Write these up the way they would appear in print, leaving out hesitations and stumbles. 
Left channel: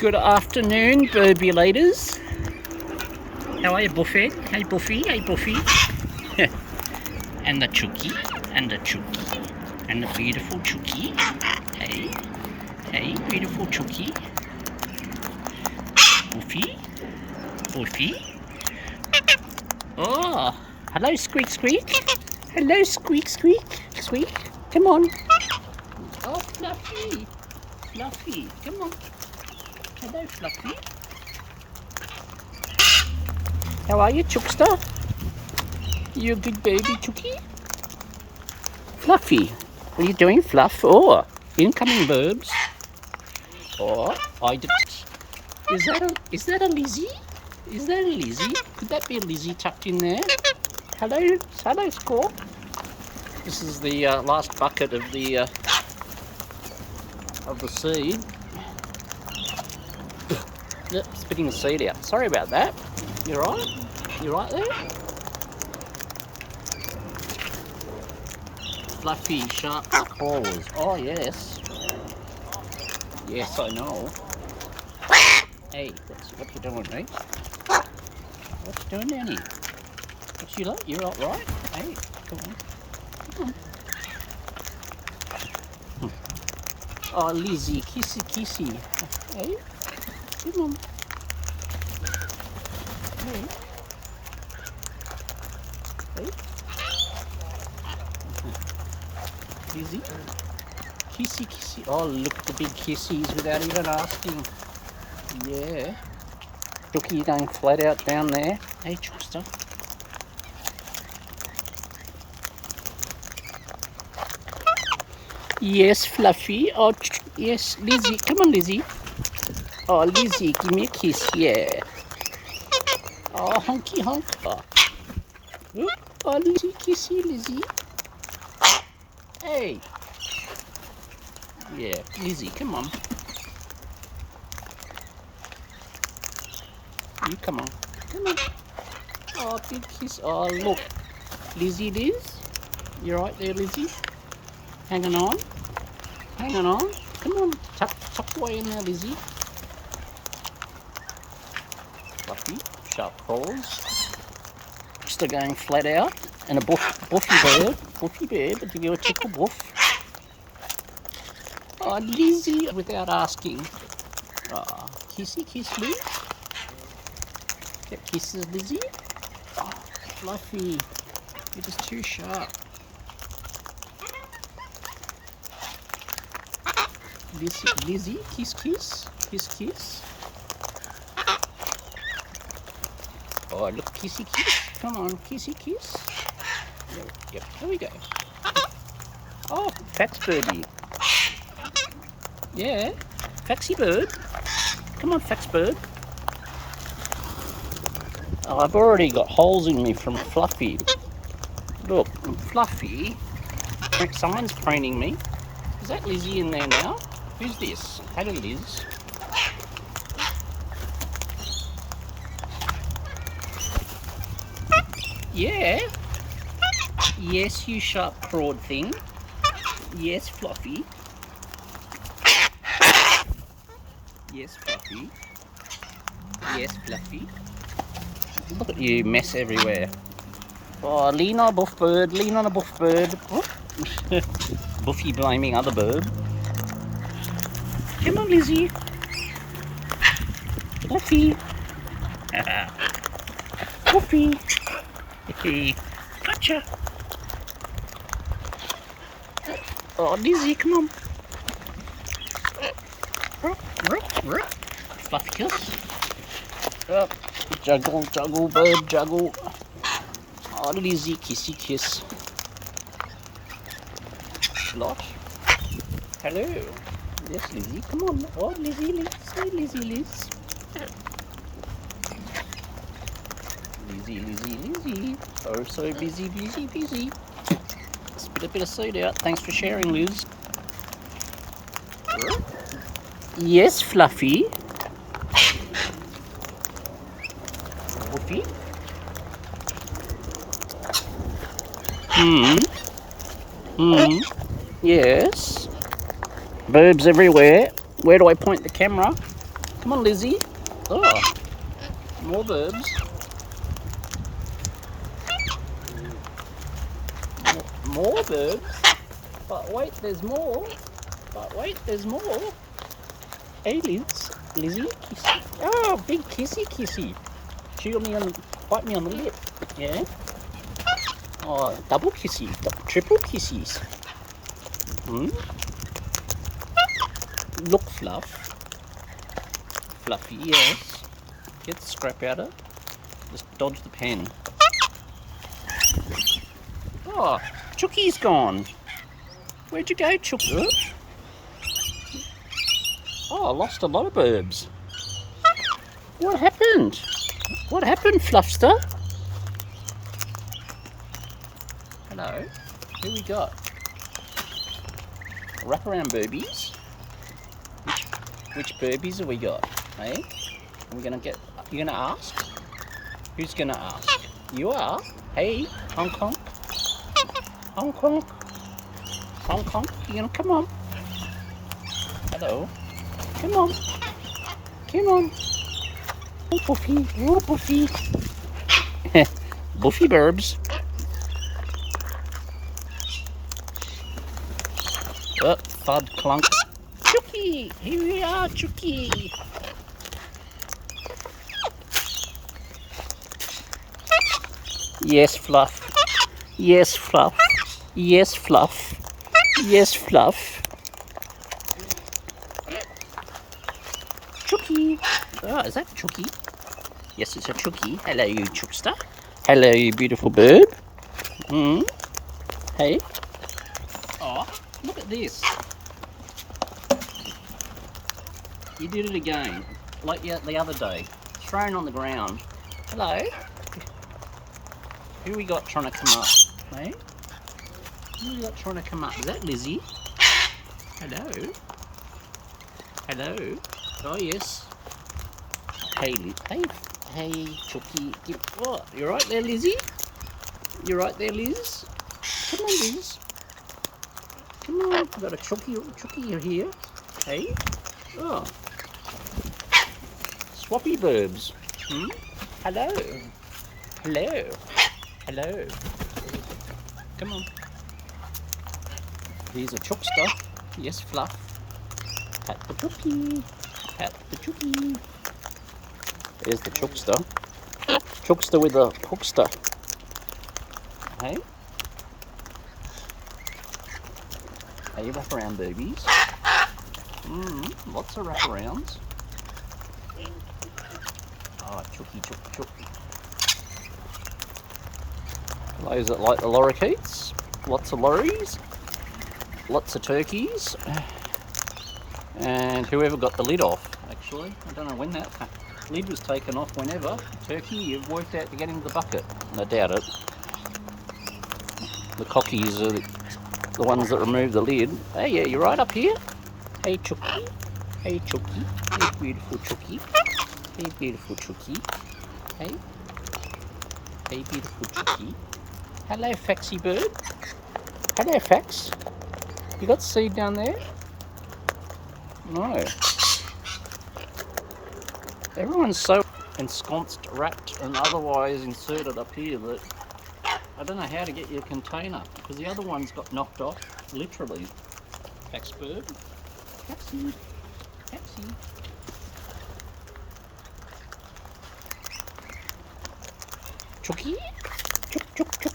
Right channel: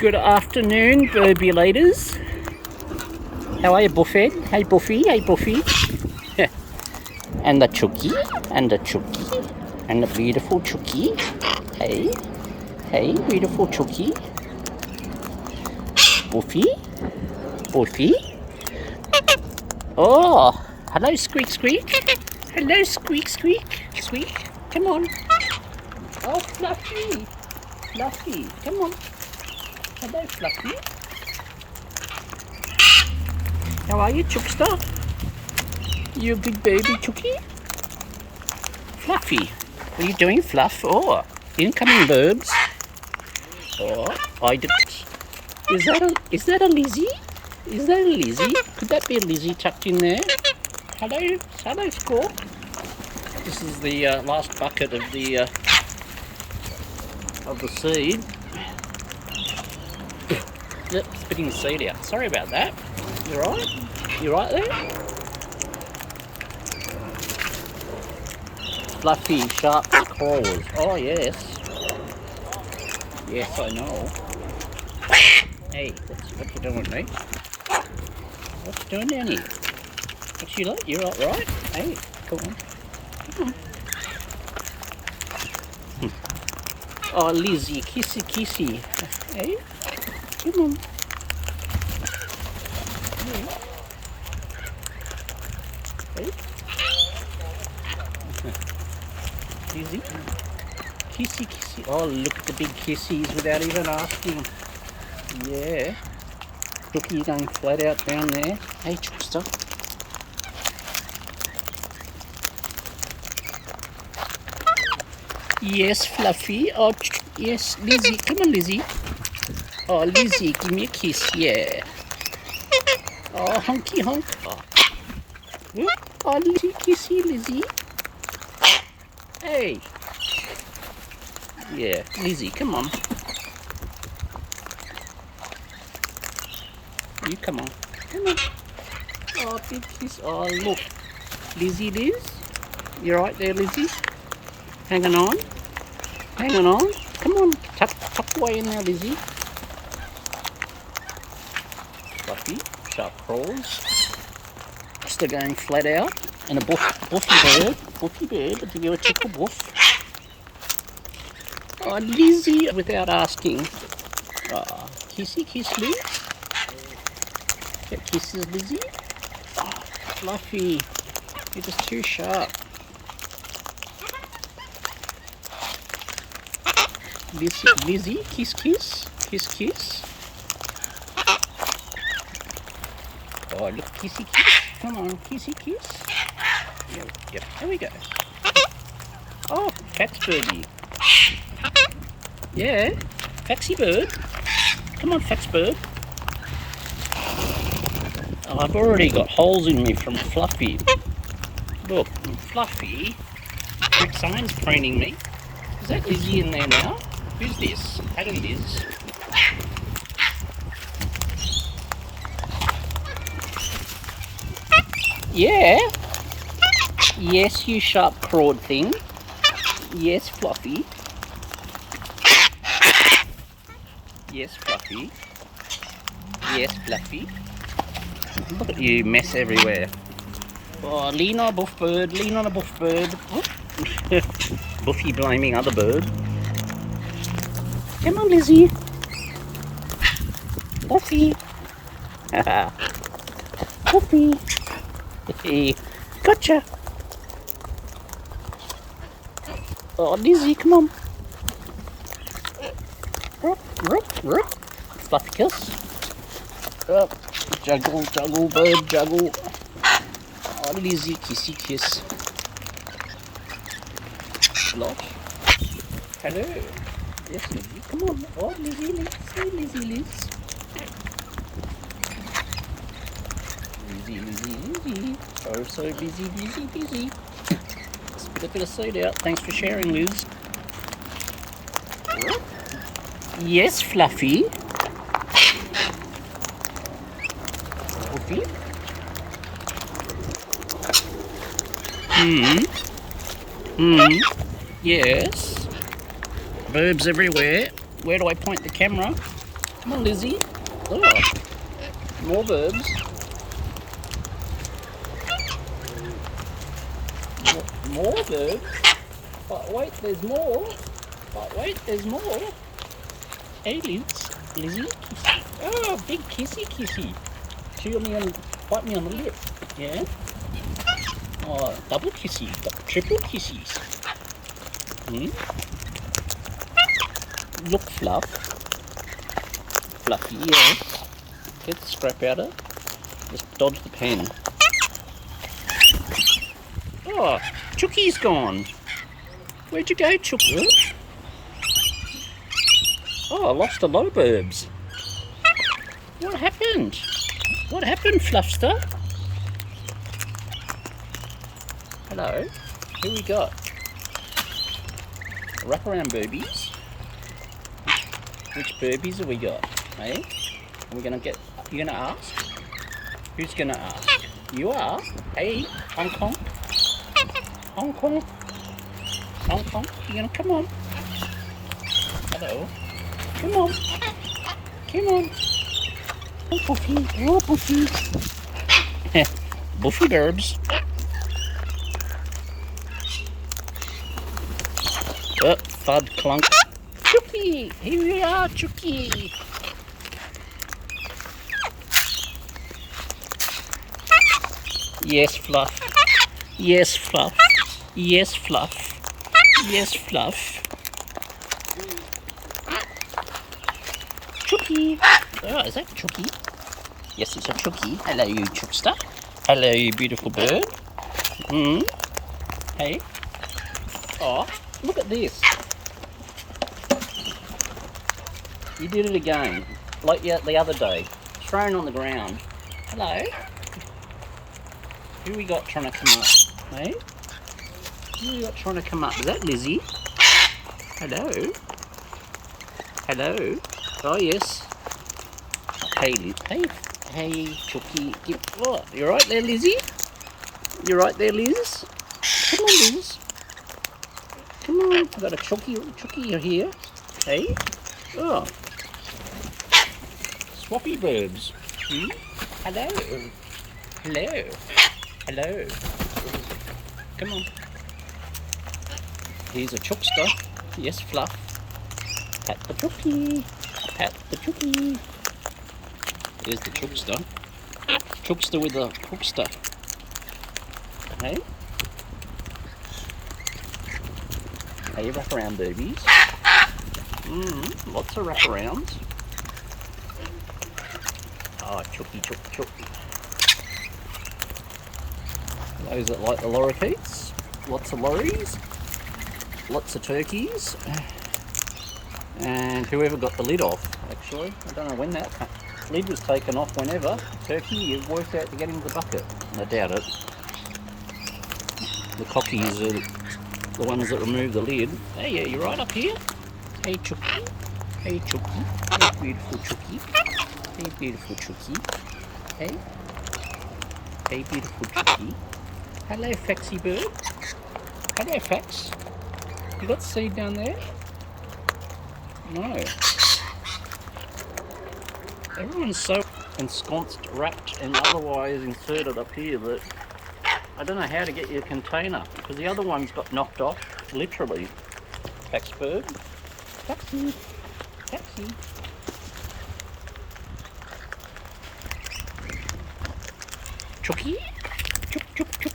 Good afternoon, burbulators. How are you, Buffet? Hey, Buffy. Hey, Buffy. And the Chookie. And the Chookie. And the beautiful Chookie. Hey. Hey, beautiful Chookie. Buffy. Buffy. Oh, hello, Squeak, Squeak. Hello, Squeak, Squeak. Squeak, come on. Oh, Fluffy. Fluffy, come on. Hello, Fluffy. How are you, Chookster? You a good baby, Chookie? Fluffy, what are you doing, Fluff? Oh, incoming Birbs. Oh, I did. Is that a Lizzie? Is that a Lizzie? Could that be a Lizzie tucked in there? Hello, Squawk. This is the last bucket of the seed. Yep, spitting the seed out. Sorry about that. You right? You right there? Fluffy, sharp claws. Oh yes. Yes, I know. Hey, what you doing, mate? What you doing down here? What you like? You're all right? Hey, come on. Come on. Oh, Lizzie, kissy. Hey, come on. Hey. Hey. Lizzie, kissy. Oh, look at the big kissies without even asking. Yeah. Rookie going flat out down there. Hey, Chookster. Yes, Fluffy. Oh, yes, Lizzie. Come on, Lizzie. Oh, Lizzie, give me a kiss. Yeah. Oh, honky honk. Oh, Lizzie, kissy, Lizzie. Hey. Yeah, Lizzie, come on. You come on. Come on. Oh, big kiss. Oh, look. Lizzie, Liz. You right there, Lizzie? Hanging on. Come on. Tuck away in there, Lizzie. Fluffy. Sharp claws. Still going flat out. And a buffy bird. To give a tickle buff. Oh, Lizzie, without asking. Oh, kissy, kiss, Liz. Get kisses, Lizzie. Oh, Fluffy. You're just too sharp. Lizzie, kiss. Oh, look, kissy, kiss. Come on, kissy, kiss. Yep, there we go. Oh, Fax birdie. Yeah, Faxy bird. Come on, Fax bird. Oh, I've already got holes in me from Fluffy. Look, Fluffy. Rick Simon's training me. Is that Lizzie in there now? Who's this? Hello, Liz. Yeah. Yes, you sharp clawed thing. Yes, Fluffy. Yes, Fluffy. Yes, Fluffy. Look at you, mess everywhere. Oh, lean on a buff bird. Buffy blaming other bird. Come on, Lizzie. Buffy. Buffy. Gotcha. Oh, Lizzie, come on. Fluffy kiss. Juggle, bird, juggle. Oh, Lizzie, kissy, kiss. Slosh. Hello. Yes, Lizzie, come on. Oh, Lizzie, Liz. Hey, Lizzie, Liz. Lizzie. Oh, so busy. Spit a bit of seed out. Thanks for sharing, Liz. Yes, Fluffy. Buffy. Yes. Birbs everywhere. Where do I point the camera? Come on, Lizzie. Oh, more Birbs. More Birbs. But wait, there's more. But wait, there's more. Hey, Lizzie. Oh, big kissy. Chew me on, bite me on the lip. Yeah. Oh, double kissy, triple kisses. Look, Fluffy, yeah. Get the scrap out of it. Just dodge the pen. Oh, Chooky's gone. Where'd you go, Chooky? Oh, I lost a lot of Birbs. What happened? What happened, Fluffster? Hello. Who we got? Wraparound Birbies. Which Birbies have we got? Hey? Are we gonna get? You gonna ask? Who's gonna ask? You are. Hey, Hong Kong. Hong Kong. Hong Kong. You gonna come on? Hello. Come on. Come on. Oh, Buffy. Oh, Buffy. Buffy Birbs. Oh, thud clunk. Chooky! Here we are, Chooky! Yes, Fluff. Yes, Fluff. Yes, Fluff. Yes, Fluff. Chooky! Oh, is that Chooky? Yes, it's a Chooky. Hello, you Chookster. Hello, you beautiful bird. Hey. Oh, look at this. You did it again, like the other day. Thrown on the ground. Hello. Who we got trying to come up? Hey? Who we got trying to come up? Is that Lizzie? Hello. Hello. Oh yes. Hey, Chooky. What? You right there, Lizzie? You right there, Liz? Come on, Liz. Come on. I've got a Chooky here. Hey. Oh. Swappy Birbs. Hello. Hello. Hello. Come on. Here's a Chookster. Yes, Fluff. Pat the Chooky. Pat the Chooky. There's the Chookster. Chookster with a hookster. Hey? Hey, wraparound Birbies. Lots of wraparounds. Oh, Chooky. Those that like the lorikeets. Lots of lorries. Lots of turkeys. And whoever got the lid off, actually. I don't know when that lid was taken off whenever. Turkey, you've worked out to get into the bucket. I doubt it. The cockies are the ones that remove the lid. Hey, yeah, you're right up here. Hey, Chooky. Hey, Chooky. Hey, beautiful Chooky. Hey, beautiful Chooky. Hey. Hey, beautiful Chooky. Hello, Faxy bird. Hello, Fax. You got seed down there? No. Everyone's so ensconced, wrapped, and otherwise inserted up here that I don't know how to get your container because the other one's got knocked off, literally. Fax bird. Faxy. Faxy. Chooky. Chooky.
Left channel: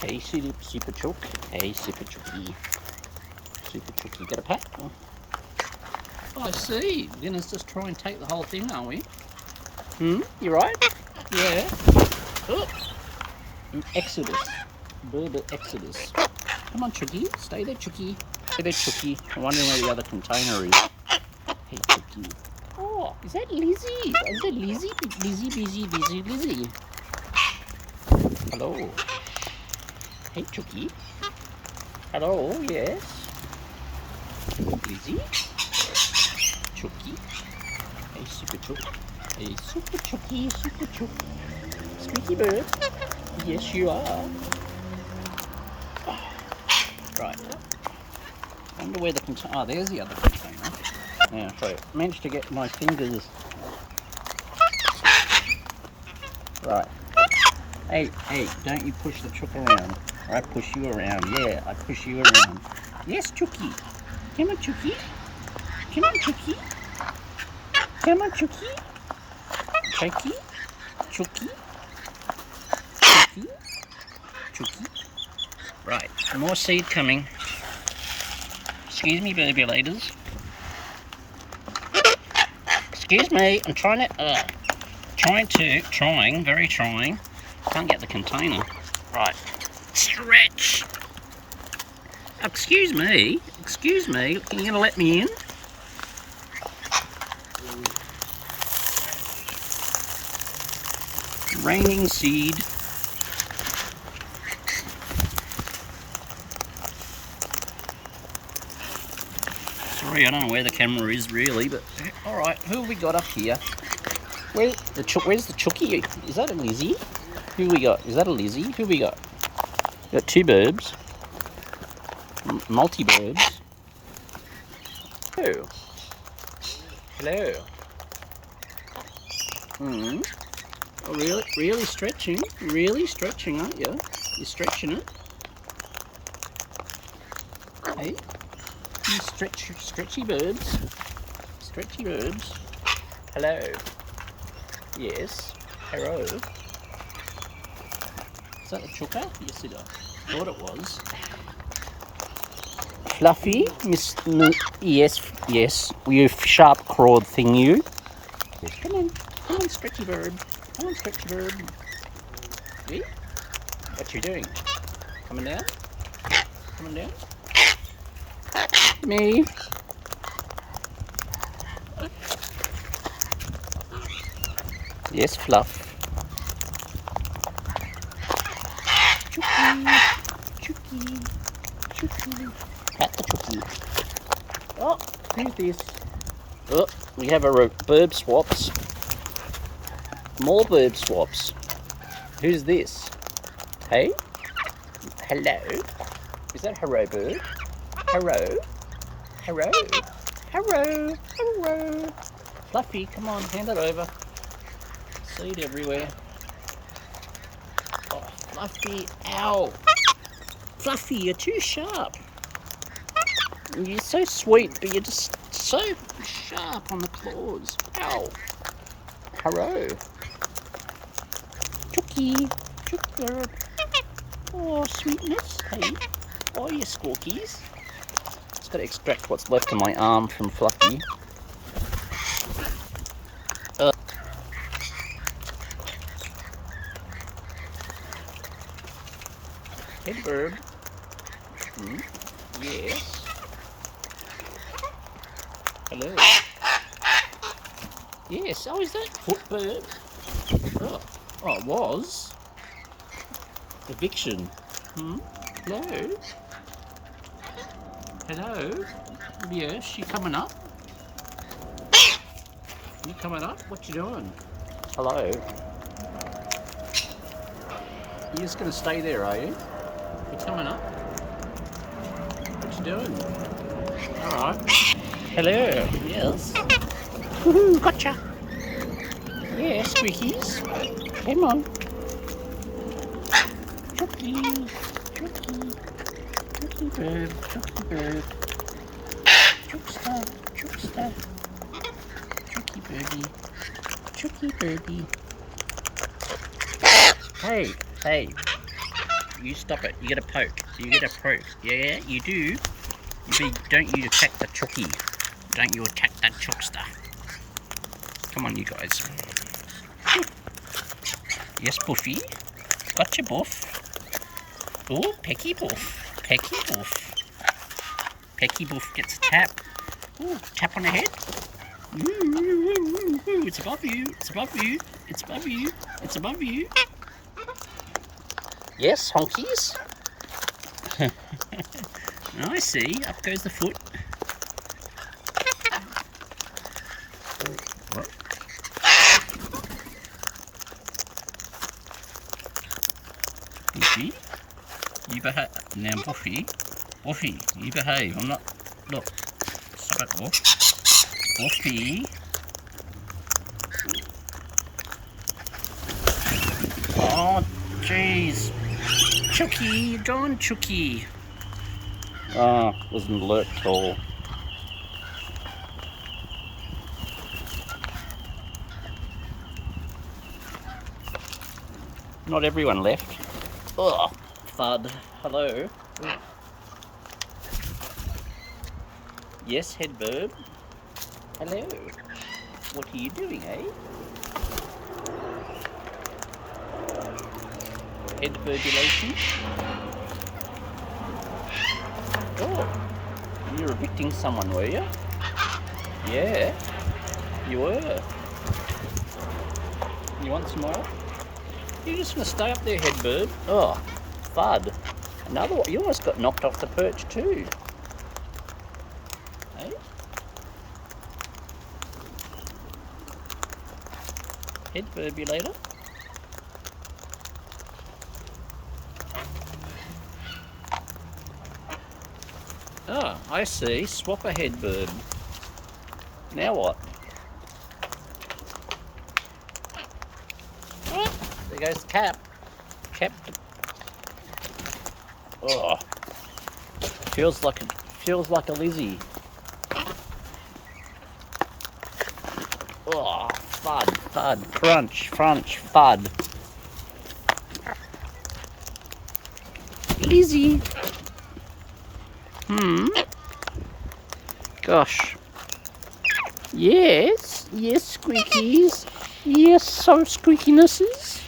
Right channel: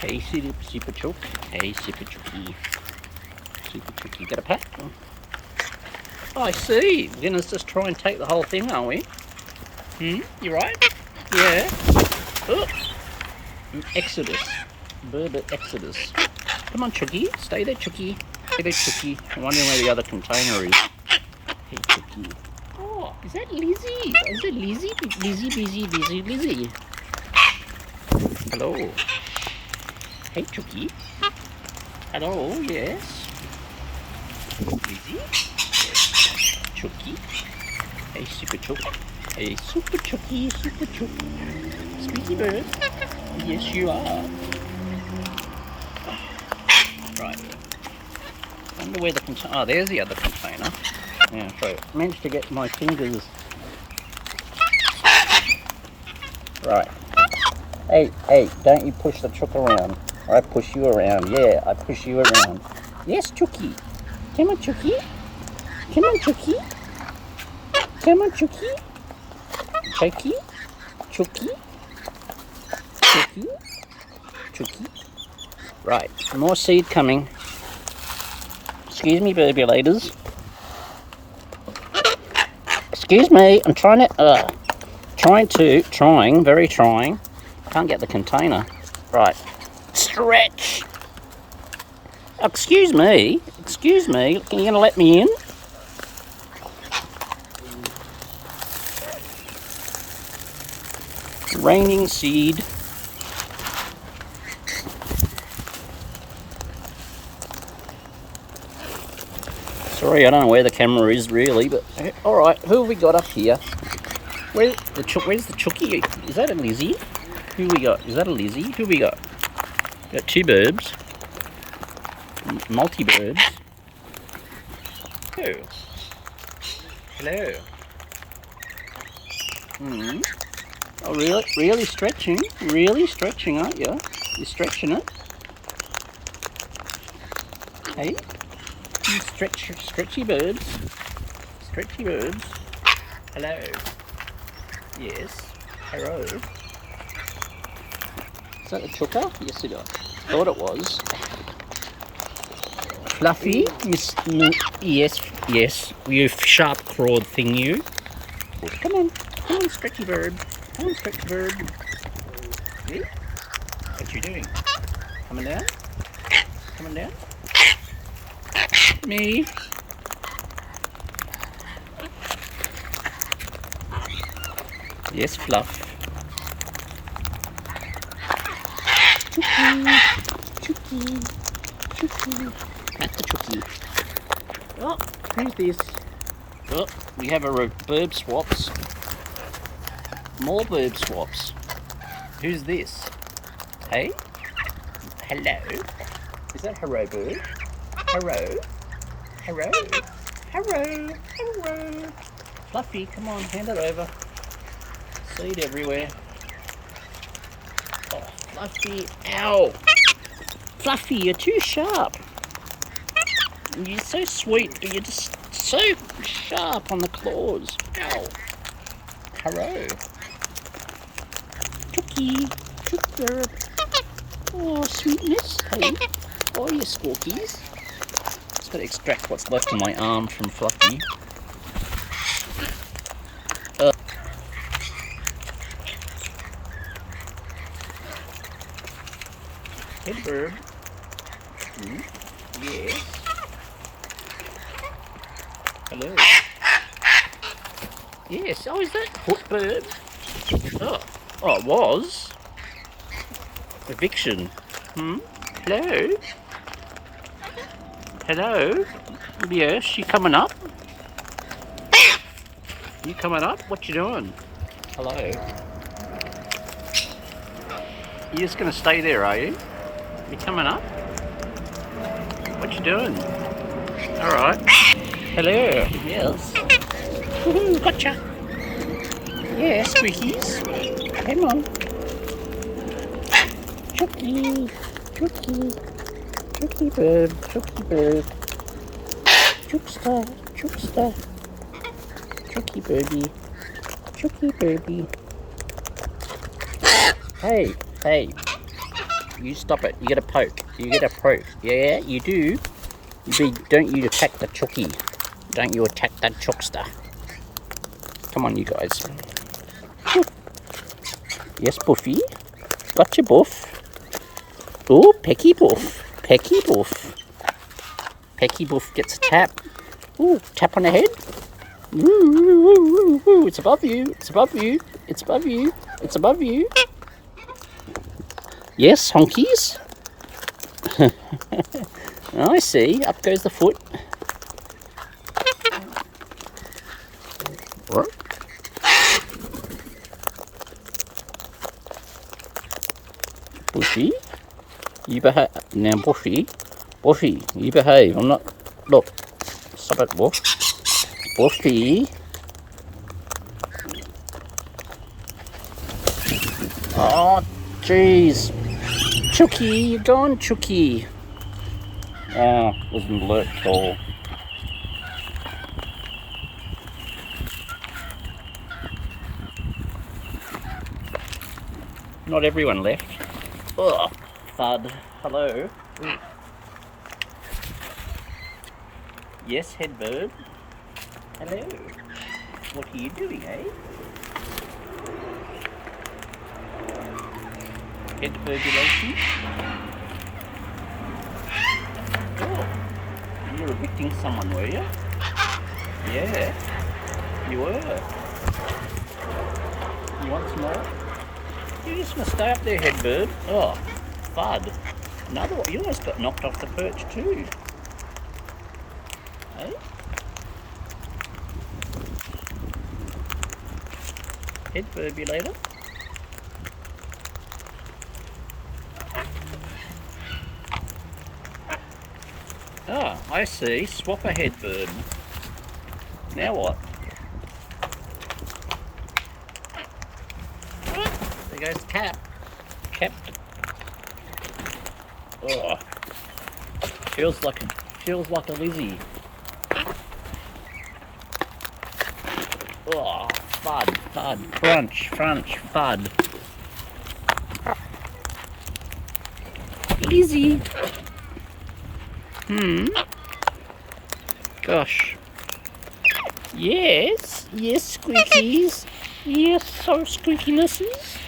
Hey, super chook. Hey, super chooky. Super chooky. Got a pat? Oh, I see. We're gonna just try and take the whole thing, aren't we? You right? Yeah. Oh. Exodus. Bird Exodus. Come on, Chooky. Stay there, Chooky. Stay there, Chooky. I'm wondering where the other container is. Hey, Chooky. Oh, is that Lizzie? Is that Lizzie? Lizzie. Hello. Hey, Chooky. Hello, yes. Lizzie. Chooky. Hey, super chook. Hey, super chooky, super chook. Squeaky bird. Yes, you are. Right. wonder where the container... Oh, there's the other container. Yeah, so I managed to get my fingers... Right. Hey, don't you push the chook around. I push you around. Yeah, I push you around. Yes, Chookie. Come on, Chookie. Come on, Chookie. Come on, Chookie. Chookie. Chookie. Chookie. Chookie. Right, more seed coming. Excuse me, burbulators. Excuse me, I'm trying. Very trying. Can't get the container. Right. Stretch. Excuse me. Are you going to let me in? Raining seed. Sorry, I don't know where the camera is really, but alright, who have we got up here? Where's the Chookie? Is that a Lizzie? Who we got? Is that a Lizzie? Who we got? We got two Birbs. Multi-Birbs. Oh. Hello. Oh, really stretching? Really stretching, aren't you? You're stretching it. Hey? You stretchy birds. Stretchy birds. Hello. Yes. Hello. Is that the chooker? Yes, it is. Thought it was. Fluffy, yes, you sharp-clawed thing, you. Oh, come on, stretchy bird. Come on, stretchy bird. See? What you doing? Coming down? Coming down? Me. Yes, Fluff. Chookie. Pat the Chookie. Oh, who's this? Oh, we have a bird swaps. More bird swaps. Who's this? Hey? Hello? Is that Hello bird? Hello? Fluffy, come on, hand it over. Seed everywhere. Oh, Fluffy, ow! Fluffy, you're too sharp. You're so sweet, but you're just so sharp on the claws. Ow. Hello. Chookie. Chookie. Oh, sweetness. Hey. Oh, you squawkies. Just got to extract what's left of my arm from Fluffy. Hey, Birb. Yes. Hello. Yes. Oh, is that Birb? Oh, it was. Eviction. Hello. Hello. Yes. You coming up? You coming up? What you doing? Hello. You just gonna stay there, are you? You coming up? What you doing? Alright. Hello. Yes. Woohoo, gotcha. Yeah, squeakies. Come on. Chookie. Chookie. Chookie bird. Chookie bird. Chookster. Chookster. Chookie birdie. Chookie birdie. Hey. You stop it. You get a poke. Yeah, you do. Don't you attack the chookie. Don't you attack that chookster. Come on, you guys. Yes, Buffy. Gotcha, Buff. Oh, Pecky Buff. Pecky Buff. Pecky Buff gets a tap. Ooh, tap on the head. Ooh, it's above you. It's above you. It's above you. It's above you. Yes, honkies. I see. Up goes the foot. What? Bushy, you behave now. Bushy, you behave. I'm not. look. Stop it, Wolf. Wolfie. Oh, jeez. Chookie, you're gone, Chookie. Oh, wasn't alert at all. Not everyone left. Oh, FUD. Hello. Yes, head Birb. Hello. What are you doing, eh? Head burbulation. Oh, you were evicting someone, were you? Yeah, you were. You want some more? You're just gonna stay up there, head Birb. Oh, FUD. Another one. You almost got knocked off the perch too. Hey? Head burbulator. Ah, I see. Swap a head Birb. Now what? There goes Cap. Cap. Oh, feels like a Lizzie. Oh, FUD, crunch, FUD. Lizzie. Gosh. Yes, squeakies. Yes, some squeakinesses.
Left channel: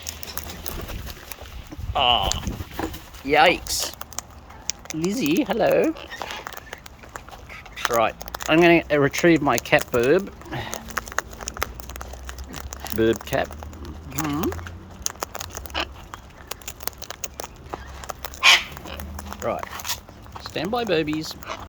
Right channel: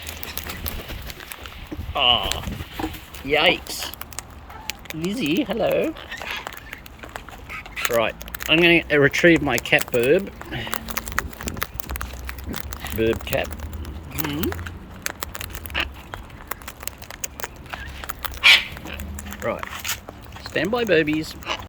Ah, oh, yikes. Lizzie, hello. Right, I'm going to retrieve my cat Birb. Birb cat. Right, stand by, Birbies.